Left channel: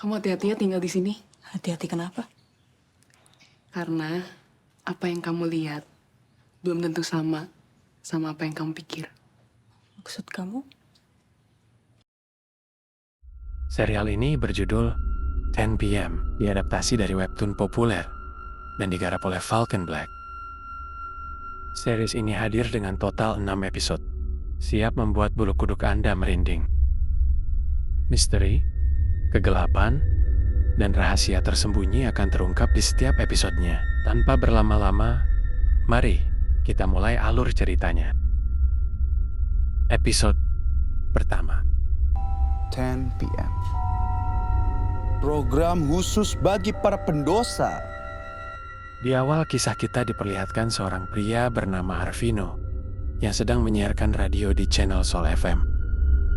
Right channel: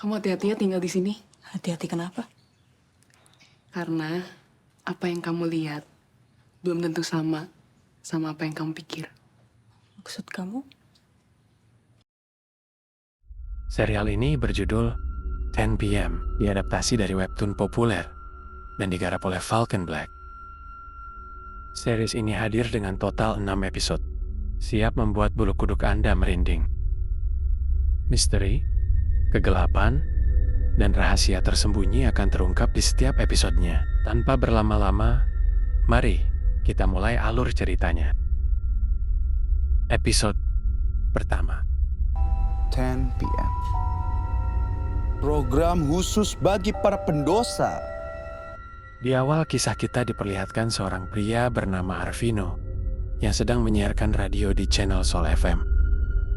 Kamu hati-hati ya tinggal di sini. Hati-hati kenapa? Karena apa yang kamu lihat belum tentu sama apa yang kamu pikir. Maksud kamu? Serial ini berjudul 10 PM, diadaptasi dari webtoon populer dan digarap oleh Falcon Black. Series ini hadir dengan total 6 episode, siap membuat bulu kuduk Anda merinding. Misteri, kegelapan, dan rahasia tersembunyi akan terungkap di setiap episodenya. Tanpa berlama-lama, mari kita mulai alur ceritanya. Episode pertama. 10 PM. Program khusus bagi para pendosa. Di awal kisah kita diperlihatkan seorang pria bernama Arvino yang sedang menyiarkan radio di channel Sol FM.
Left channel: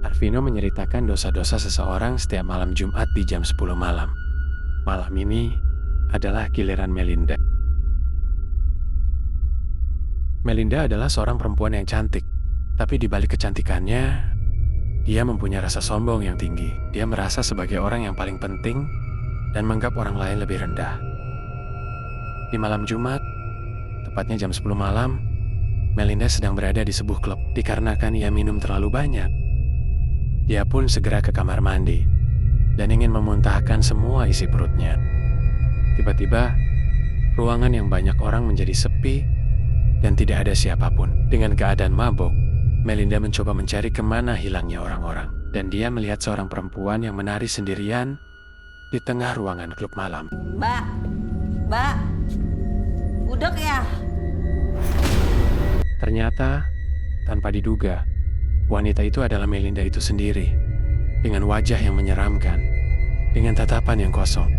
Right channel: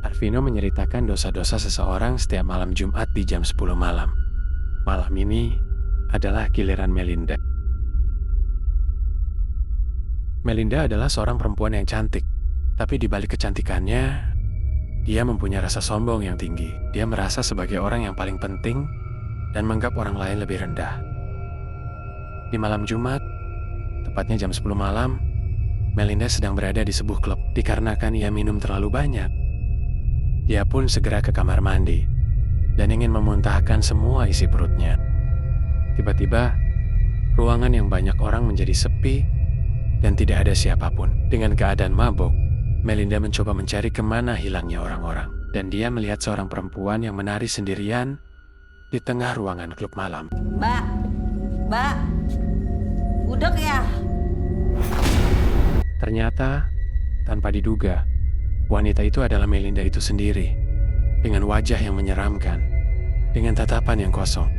Arvino menceritakan dosa-dosa seseorang setiap malam Jumat di jam 10 malam. Malam ini adalah giliran Melinda. Melinda adalah seorang perempuan yang cantik, tapi di balik kecantikannya, dia mempunyai rasa sombong yang tinggi. Dia merasa sebagai orang yang paling penting dan menganggap orang lain lebih rendah. Di malam Jumat, tepatnya jam 10 malam, Melinda sedang berada di sebuah klub. Dikarenakan ia minum terlalu banyak, dia pun segera ke kamar mandi dan ingin memuntahkan semua isi perutnya. Tiba-tiba, ruangan yang banyak orang menjadi sepi dan tidak ada siapapun. Dengan keadaan mabuk, Melinda mencoba mencari kemana hilangnya orang-orang. Dan dia melihat seorang perempuan yang menari sendirian di tengah ruangan klub malam. Mbak, budek ya? Ternyata, tanpa diduga, wanita itu adalah Melinda itu sendiri. Dengan wajah yang menyeramkan, dengan tatapan yang kosong.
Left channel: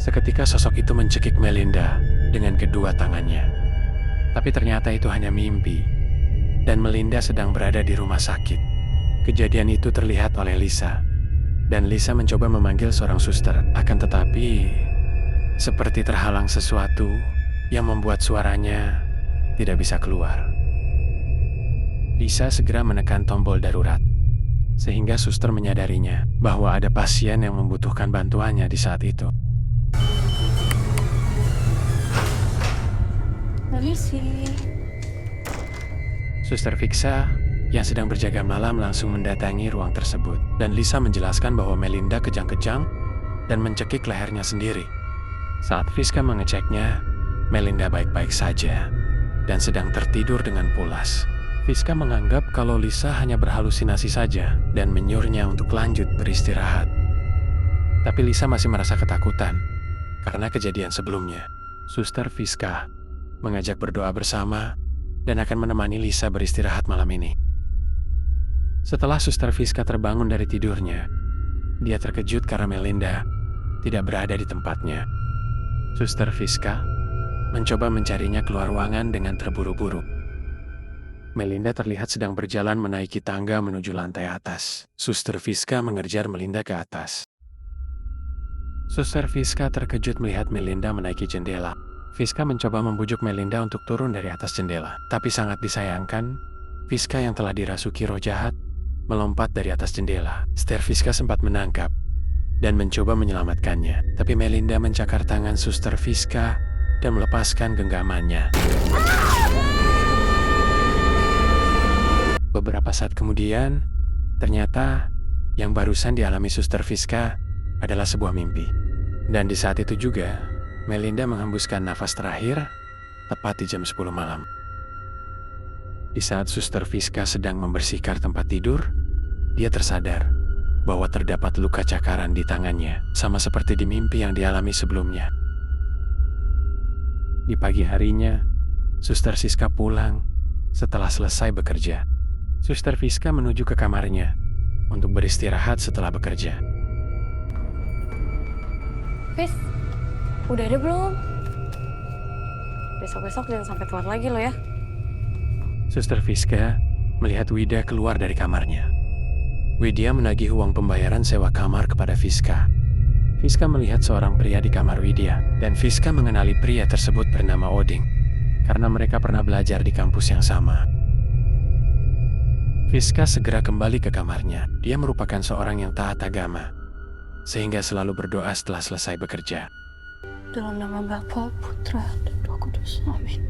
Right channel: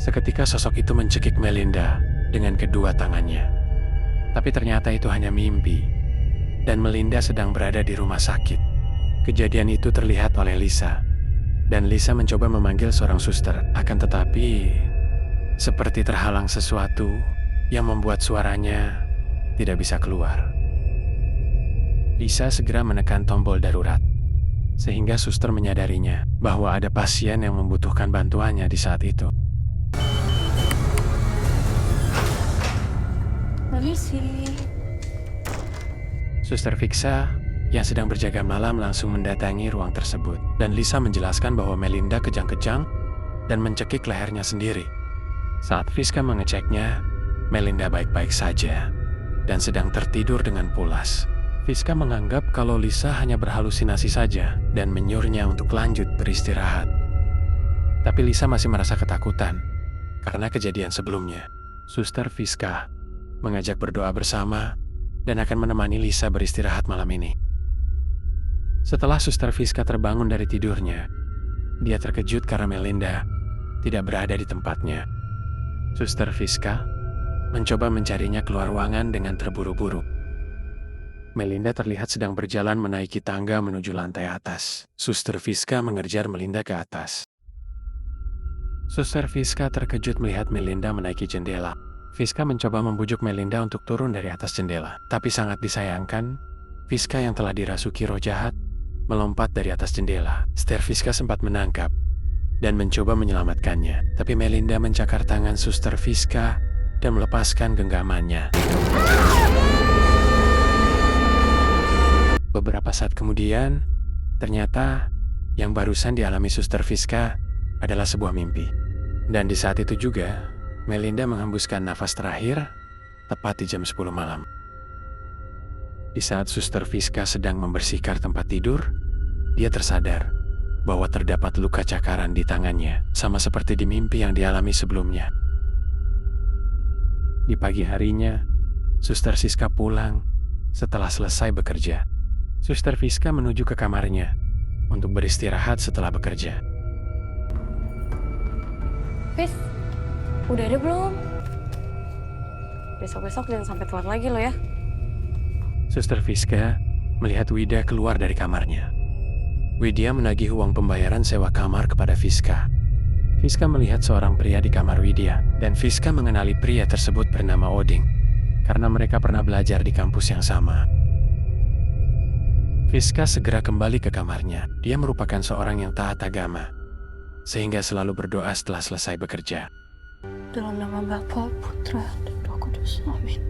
Seketika sosok itu mencekik Melinda dengan kedua tangannya. Tapi ternyata itu hanya mimpi, dan Melinda sedang berada di rumah sakit. Kejadian itu terlihat oleh Lisa, dan Lisa mencoba memanggil seorang suster, akan tetapi seperti terhalang sesuatu yang membuat suaranya tidak bisa keluar. Lisa segera menekan tombol darurat, sehingga suster menyadarinya bahwa ada pasien yang membutuhkan bantuannya di saat itu. Permisi. Suster Fixa yang sedang berjaga malam langsung mendatangi ruang tersebut, dan Lisa menjelaskan bahwa Melinda kejang-kejang dan mencekik lehernya sendiri. Saat Fiska mengeceknya, Melinda baik-baik saja dan sedang tertidur dengan pulas. Fiska menganggap kalau Lisa hanya berhalusinasi saja dan menyuruhnya untuk lanjut beristirahat. Tapi Lisa masih merasa ketakutan karena kejadian sebelumnya. Suster Fiska mengajak berdoa bersama dan akan menemani Lisa beristirahat malam ini. Setelah Suster Fiska terbangun dari tidurnya, dia terkejut karena Melinda tidak berada di tempatnya. Suster Fiska mencoba mencarinya keluar ruangan dengan terburu-buru. Melinda terlihat sedang berjalan menaiki tangga menuju lantai atas. Suster Fiska mengejar Melinda ke atas. Suster Fiska terkejut melihat Melinda menaiki jendela. Fiska mencoba membujuk Melinda untuk turun dari atas jendela. Tapi sangat disayangkan, Fiska yang telah dirasuki roh jahat melompat dari atas jendela. Suster Fiska sempat menangkap dan mencoba menyelamatkannya. Tapi Melinda mencakar tangan Suster Fiska dan melepaskan genggamannya. Beberapa saat kemudian, ternyata yang barusan dialami Suster Fiska adalah sebuah mimpi. Dan di saat itu juga, Melinda menghembuskan nafas terakhir tepat di jam 10 malam. Di saat Suster Fiska sedang membersihkan tempat tidur, dia tersadar bahwa terdapat luka cakaran di tangannya, sama seperti di mimpi yang dialami sebelumnya. Di pagi harinya, Suster Fiska pulang setelah selesai bekerja. Suster Fiska menuju ke kamarnya untuk beristirahat setelah bekerja. Fis, udah ada belum? Besok-besok jangan sampai telat lagi lo ya. Suster Fiska melihat Wida keluar dari kamarnya. Widya menagih uang pembayaran sewa kamar kepada Fiska. Fiska melihat seorang pria di kamar Widya, dan Fiska mengenali pria tersebut bernama Oding, karena mereka pernah belajar di kampus yang sama. Fiska segera kembali ke kamarnya. Dia merupakan seorang yang taat agama, sehingga selalu berdoa setelah selesai bekerja. Dalam nama Bapa, Putra, dan Roh Kudus. Amin.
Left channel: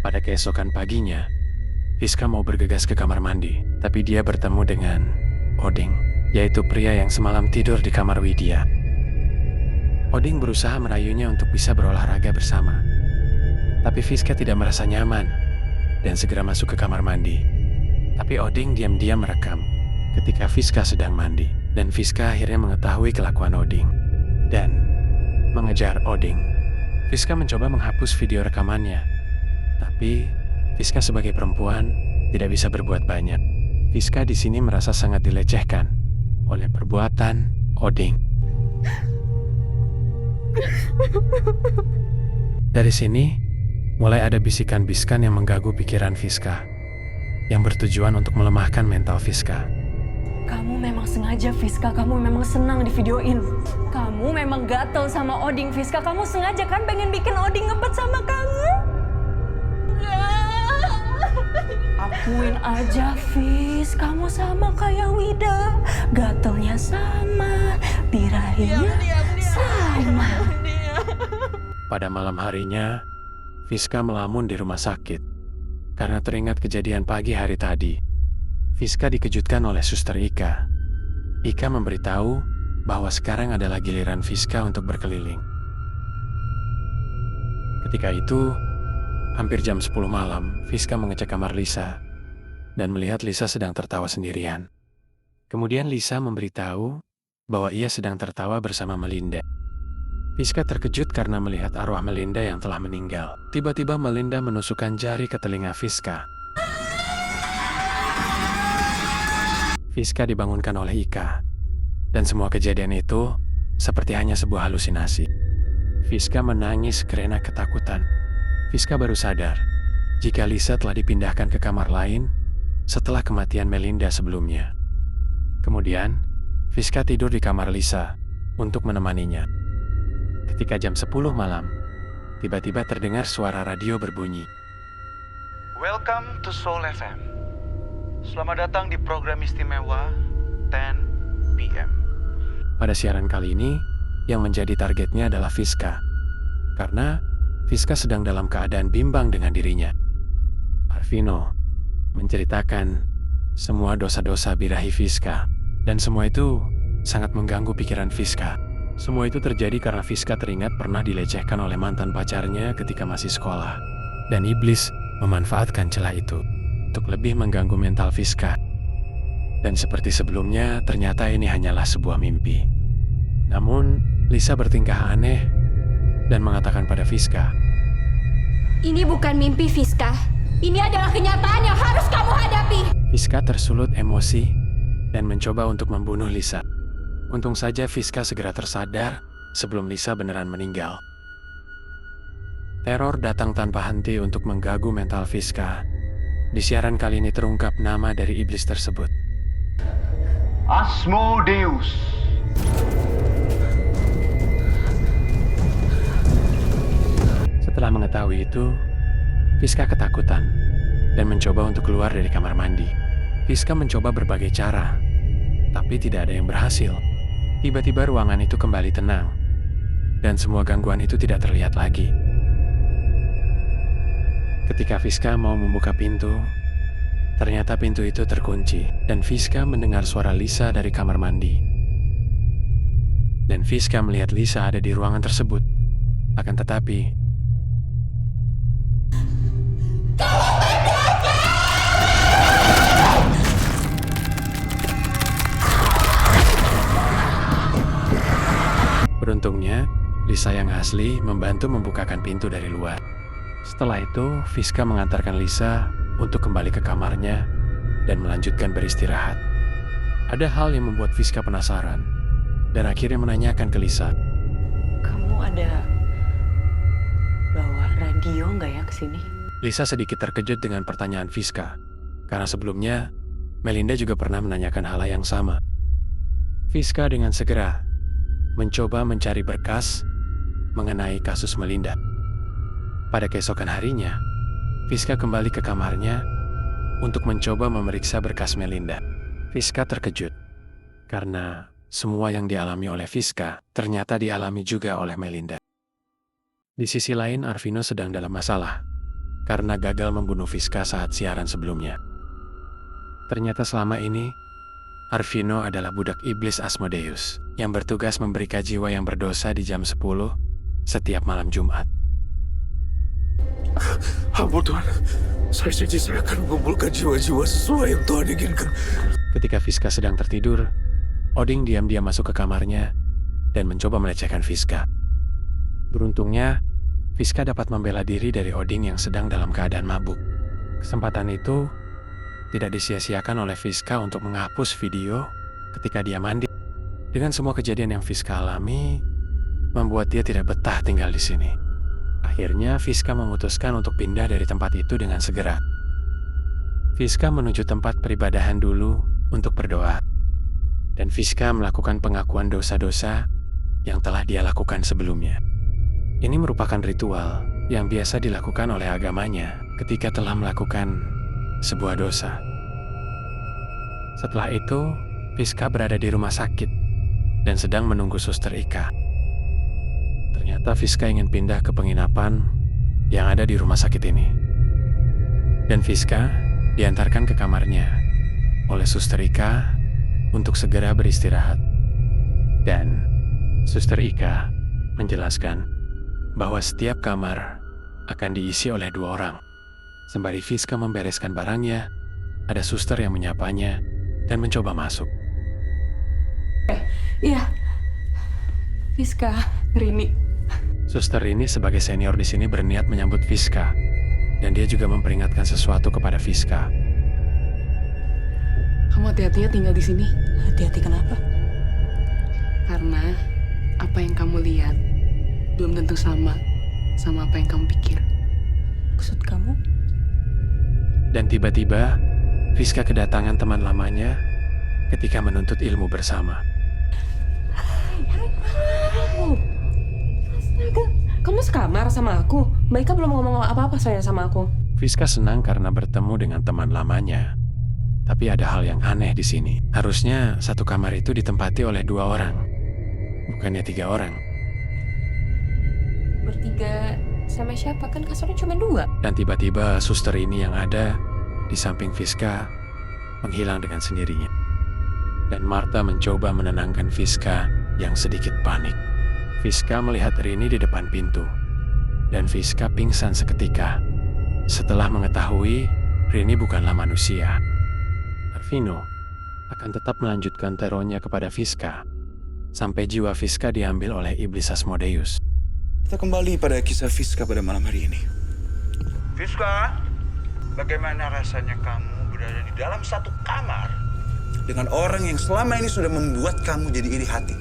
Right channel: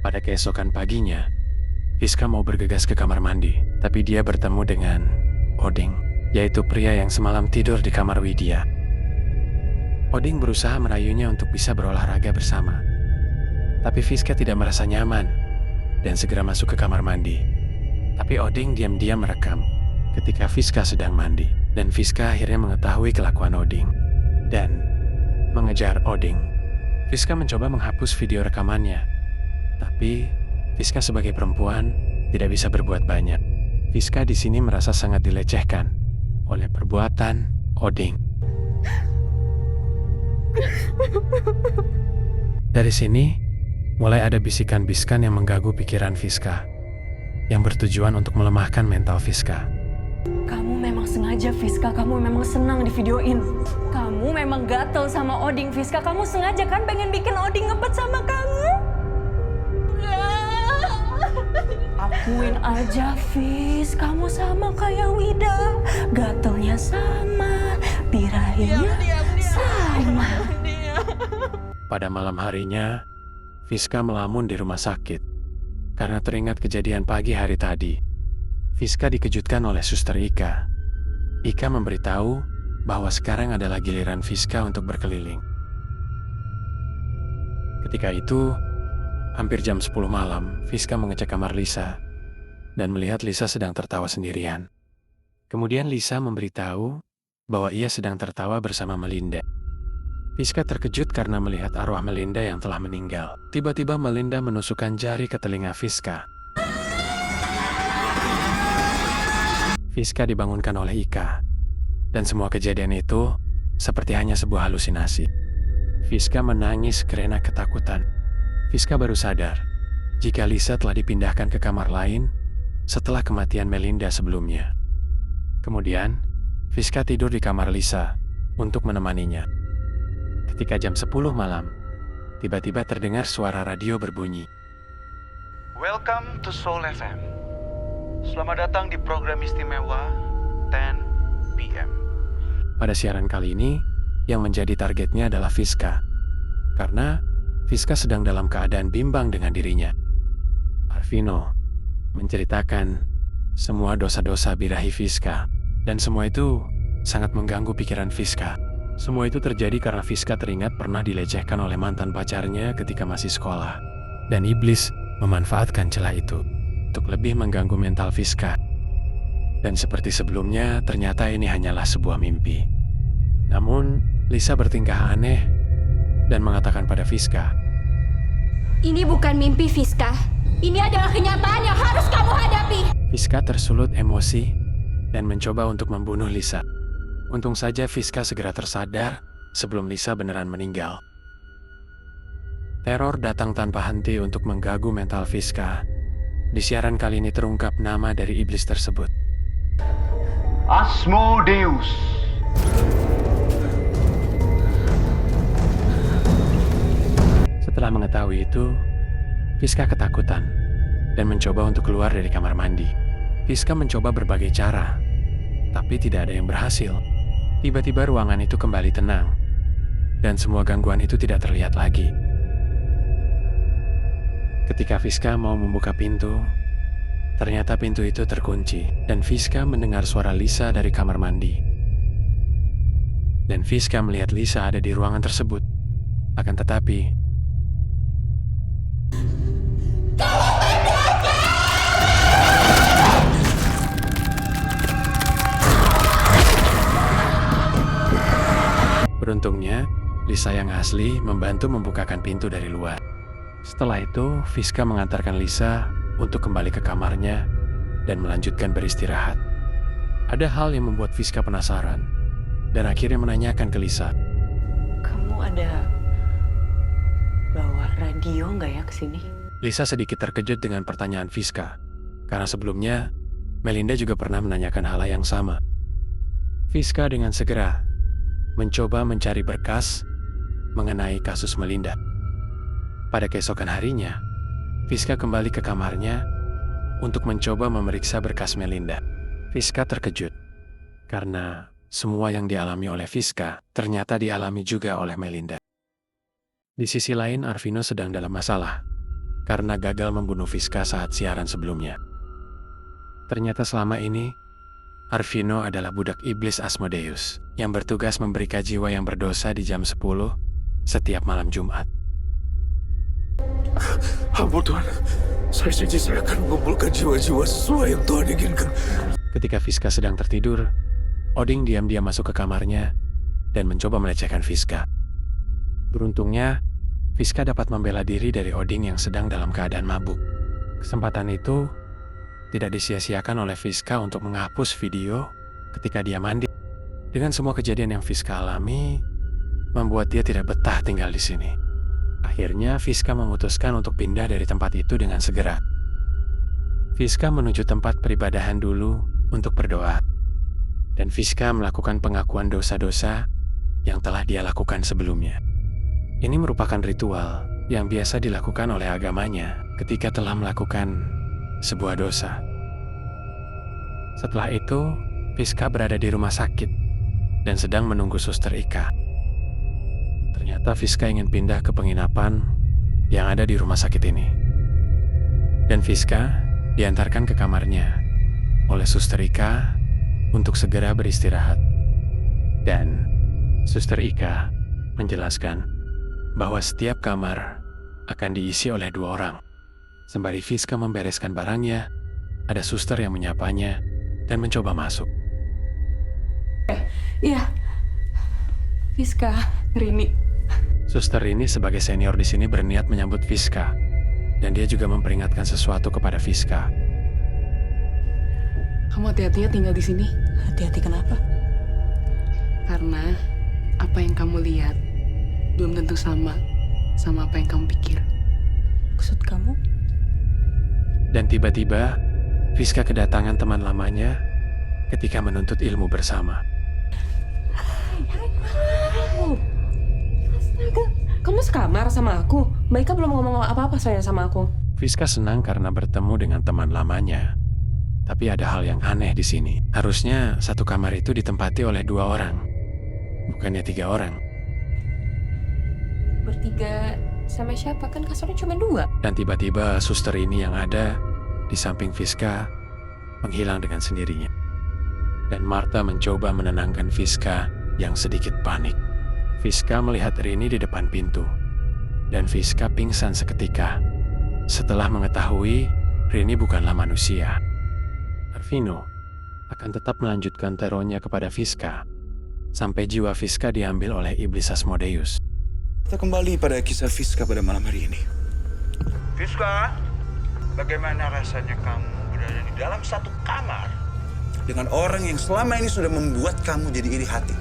Pada keesokan paginya, Fiska mau bergegas ke kamar mandi, tapi dia bertemu dengan Oding, yaitu pria yang semalam tidur di kamar Widya. Oding berusaha merayunya untuk bisa berolahraga bersama, tapi Fiska tidak merasa nyaman dan segera masuk ke kamar mandi. Tapi Oding diam-diam merekam ketika Fiska sedang mandi, dan Fiska akhirnya mengetahui kelakuan Oding dan mengejar Oding. Fiska mencoba menghapus video rekamannya, tapi Fiska sebagai perempuan tidak bisa berbuat banyak. Fiska di sini merasa sangat dilecehkan oleh perbuatan Oding. Dari sini, mulai ada bisikan-bisikan yang mengganggu pikiran Fiska, yang bertujuan untuk melemahkan mental Fiska. Kamu memang sengaja, Fiska. Kamu memang senang di videoin. Kamu memang gatel sama Oding, Fiska. Kamu sengaja kan pengen bikin Oding ngebet sama kamu? Akuin aja, Fis. Kamu sama kayak Wida. Gatelnya sama, birahinya sama. Pada malam harinya, Fiska melamun di rumah sakit karena teringat kejadian pagi hari tadi. Fiska dikejutkan oleh Suster Ika. Ika memberitahu bahwa sekarang adalah giliran Fiska untuk berkeliling. Ketika itu, hampir jam 10 malam, Fiska mengecek kamar Lisa dan melihat Lisa sedang tertawa sendirian. Kemudian Lisa memberitahu bahwa ia sedang tertawa bersama Melinda. Fiska terkejut karena melihat arwah Melinda yang telah meninggal. Tiba-tiba Melinda menusukkan jari ke telinga Fiska. Fiska dibangunkan oleh Ika, dan semua kejadian itu seperti hanya sebuah halusinasi. Fiska menangis karena ketakutan. Fiska baru sadar jika Lisa telah dipindahkan ke kamar lain setelah kematian Melinda sebelumnya. Kemudian, Fiska tidur di kamar Lisa untuk menemaninya. Ketika jam 10 malam, tiba-tiba terdengar suara radio berbunyi. Welcome to Soul FM. Selamat datang di program istimewa 10 PM. Pada siaran kali ini, yang menjadi targetnya adalah Fiska, karena Fiska sedang dalam keadaan bimbang dengan dirinya. Arvino menceritakan semua dosa-dosa birahi Fiska, dan semua itu sangat mengganggu pikiran Fiska. Semua itu terjadi karena Fiska teringat pernah dilecehkan oleh mantan pacarnya ketika masih sekolah, dan iblis memanfaatkan celah itu untuk lebih mengganggu mental Fiska. Dan seperti sebelumnya, ternyata ini hanyalah sebuah mimpi. Namun, Lisa bertingkah aneh dan mengatakan pada Fiska, "Ini bukan mimpi, Fiska. Ini adalah kenyataan yang harus kamu hadapi." Fiska tersulut emosi dan mencoba untuk membunuh Lisa. Untung saja Fiska segera tersadar sebelum Lisa beneran meninggal. Teror datang tanpa henti untuk mengganggu mental Fiska. Di siaran kali ini terungkap nama dari iblis tersebut. Asmodeus. Setelah mengetahui itu, Fiska ketakutan dan mencoba untuk keluar dari kamar mandi. Fiska mencoba berbagai cara, tapi tidak ada yang berhasil. Tiba-tiba ruangan itu kembali tenang, dan semua gangguan itu tidak terlihat lagi. Ketika Fiska mau membuka pintu, ternyata pintu itu terkunci, dan Fiska mendengar suara Lisa dari kamar mandi. Dan Fiska melihat Lisa ada di ruangan tersebut. Akan tetapi, beruntungnya, Lisa yang asli membantu membukakan pintu dari luar. Setelah itu, Fiska mengantarkan Lisa untuk kembali ke kamarnya dan melanjutkan beristirahat. Ada hal yang membuat Fiska penasaran dan akhirnya menanyakan ke Lisa. Kamu ada bawa radio nggak ya ke sini? Lisa sedikit terkejut dengan pertanyaan Fiska, karena sebelumnya Melinda juga pernah menanyakan hal yang sama. Fiska dengan segera mencoba mencari berkas mengenai kasus Melinda. Pada keesokan harinya, Fiska kembali ke kamarnya untuk mencoba memeriksa berkas Melinda. Fiska terkejut karena semua yang dialami oleh Fiska ternyata dialami juga oleh Melinda. Di sisi lain, Arvino sedang dalam masalah karena gagal membunuh Fiska saat siaran sebelumnya. Ternyata selama ini, Arvino adalah budak iblis Asmodeus yang bertugas memberikan jiwa yang berdosa di jam 10 setiap malam Jumat. Ampun Tuhan, saya janji saya akan mengumpulkan jiwa-jiwa sesuai yang Tuhan inginkan. Ketika Fiska sedang tertidur, Oding diam-diam masuk ke kamarnya dan mencoba melecehkan Fiska. Beruntungnya, Fiska dapat membela diri dari Oding yang sedang dalam keadaan mabuk. Kesempatan itu tidak disia-siakan oleh Fiska untuk menghapus video ketika dia mandi. Dengan semua kejadian yang Fiska alami, membuat dia tidak betah tinggal di sini. Akhirnya, Fiska memutuskan untuk pindah dari tempat itu dengan segera. Fiska menuju tempat peribadahan dulu untuk berdoa. Dan Fiska melakukan pengakuan dosa-dosa yang telah dia lakukan sebelumnya. Ini merupakan ritual yang biasa dilakukan oleh agamanya ketika telah melakukan sebuah dosa. Setelah itu, Fiska berada di rumah sakit dan sedang menunggu Suster Ika. Ternyata Fiska ingin pindah ke penginapan yang ada di rumah sakit ini. Dan Fiska diantarkan ke kamarnya oleh Suster Ika untuk segera beristirahat. Dan Suster Ika menjelaskan bahwa setiap kamar akan diisi oleh 2 orang. Sembari Fiska membereskan barangnya, ada suster yang menyapanya dan mencoba masuk. Iya, Fiska, Rini. Suster Rini sebagai senior di sini berniat menyambut Fiska, dan dia juga memperingatkan sesuatu kepada Fiska. Kamu hati-hati ya tinggal di sini. Hati-hati kenapa? Karena apa yang kamu lihat belum tentu sama apa yang kamu pikir. Maksud kamu? Dan tiba-tiba, Fiska kedatangan teman lamanya ketika menuntut ilmu bersama. Astaga, kamu sekamar sama aku? Mereka belum ngomong apa-apa soalnya sama aku. Fiska senang karena bertemu dengan teman lamanya. Tapi ada hal yang aneh di sini. Harusnya satu kamar itu ditempati oleh 2 orang, bukannya 3 orang. Bertiga sama siapa? Kan kasurnya cuma 2. Dan tiba-tiba suster ini yang ada di samping Fiska menghilang dengan sendirinya. Dan Martha mencoba menenangkan Fiska yang sedikit panik. Fiska melihat Rini di depan pintu. Dan Fiska pingsan seketika setelah mengetahui Rini bukanlah manusia. Arvino akan tetap melanjutkan terornya kepada Fiska sampai jiwa Fiska diambil oleh iblis Asmodeus. Kita kembali pada kisah Fiska pada malam hari ini. Fiska, bagaimana rasanya kamu berada di dalam satu kamar Dengan orang yang selama ini sudah membuat kamu jadi iri hati.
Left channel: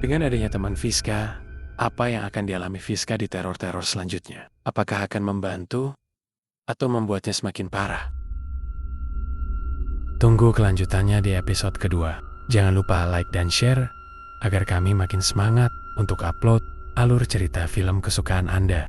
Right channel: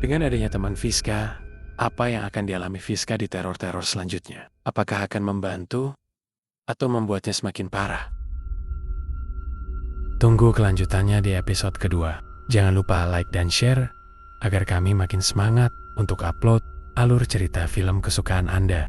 Dengan adanya teman Fiska, apa yang akan dialami Fiska di teror-teror selanjutnya? Apakah akan membantu atau membuatnya semakin parah? Tunggu kelanjutannya di episode kedua. Jangan lupa like dan share agar kami makin semangat untuk upload alur cerita film kesukaan Anda.